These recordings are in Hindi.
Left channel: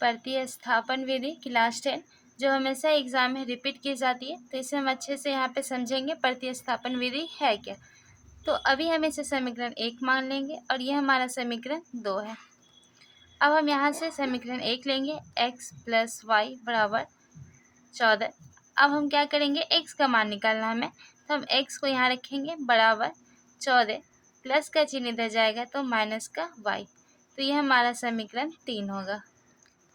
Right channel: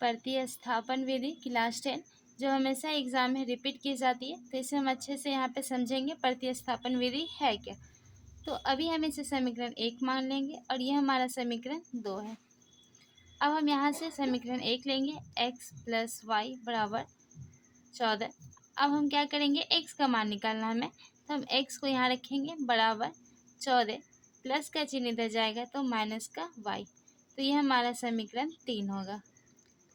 प्रतिस्थापन विधि क्लास 10 जो हमेशा एग्जाम में रिपीट की जाती है, तो इसे हम अच्छे से यहाँ पे समझेंगे प्रतिस्थापन विधि है क्या। तो अभी हम इसे समीकरण 1 मान लेंगे और ये हमारा समीकरण 2 है। अब हम यहाँ से समीकरण 1 लेंगे x + y = 14। अब हम क्या करेंगे, x का मान निकालना हमें, तो हम x को यहाँ रखेंगे बराबर 14, प्लस का चिन्ह इधर जाएगा तो माइनस का y, तो ये हमारा समीकरण 3 होगा।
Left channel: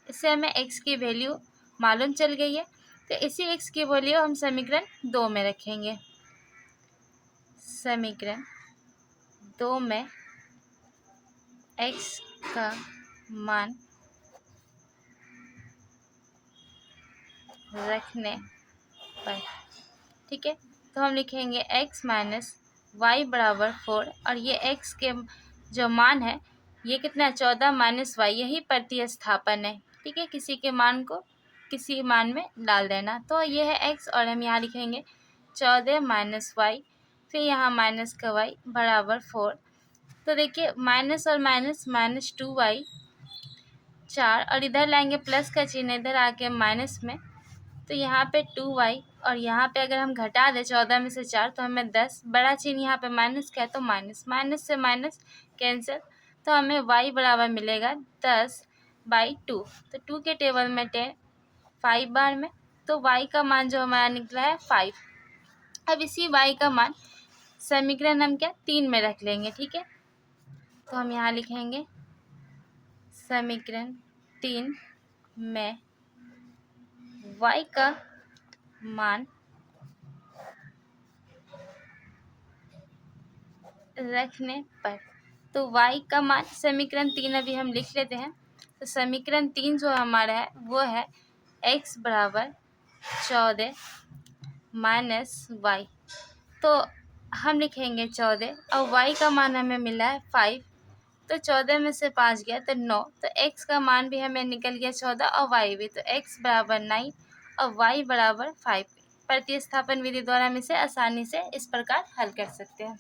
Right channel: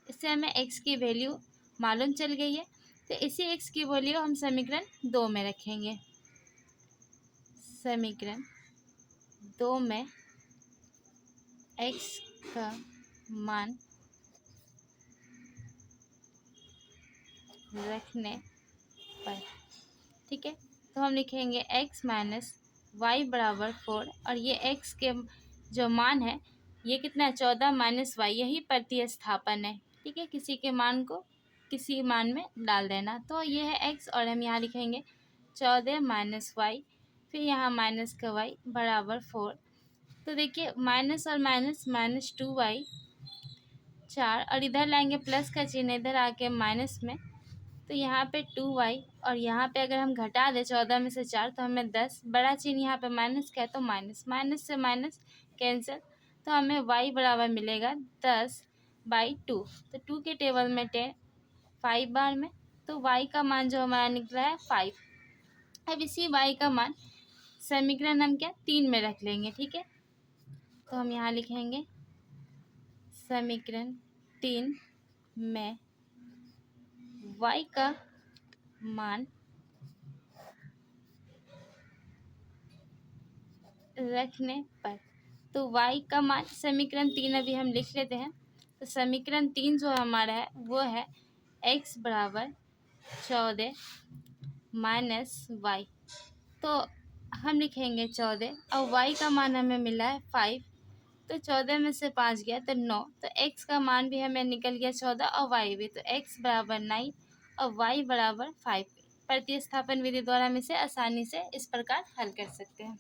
इससे हमें x की वैल्यू मालूम चल गई है, तो इसी x की वैल्यू हम समीकरण 2 में रखेंगे। समीकरण 2 में x का मान रखने पर, ठीक है, तो हम लिखेंगे x - y = 4 और ये x के जो मान है ये कितना है, 14 - y, यही प्रतिस्थापन है, ठीक है, किसी के मान को किसी मान में डाल देना। तो ये है x और हम यहाँ लिखेंगे 14 - y, फिर यहाँ माइनस का y = 4। तो देखिए माइनस और माइनस -2y 4 और इधर लाएंगे प्लस का चिन्ह इधर आके माइनस में, तो यहाँ पे 2y और यहाँ पे अगर हम घटा दें 14 में से 4 तो हमें 10, बड़ा चिन्ह यहाँ पे माइनस का है तो माइनस, माइनस से माइनस कैंसिल, तो हमें y बराबर मिलेगा 10/2। तो 2 के टेबल में 10 5 बार में, तो y का मान जो हमारा निकला है 5। अब इसी y का मान समीकरण हम क्या 3 में रख लेंगे, ठीक है, तो हम यहाँ लिखेंगे समीकरण 3 में y का मान रखने पर, तो y का मान समीकरण 3 अभी हम लिख लेते हैं। तो समीकरण 3 जो हमारा है वो है x = 14 - y, तो हम लिखेंगे 14 और y का मान हमें मिला है 5, तो 14 में से 5 गया तो 9, तो x का मान भी हमें निकल गया 14 और y भी, तो x = 9 और y = 5। प्रतिस्थापन विधि द्वारा हम इसे आसानी से इस प्रकार हल कर सकते हैं।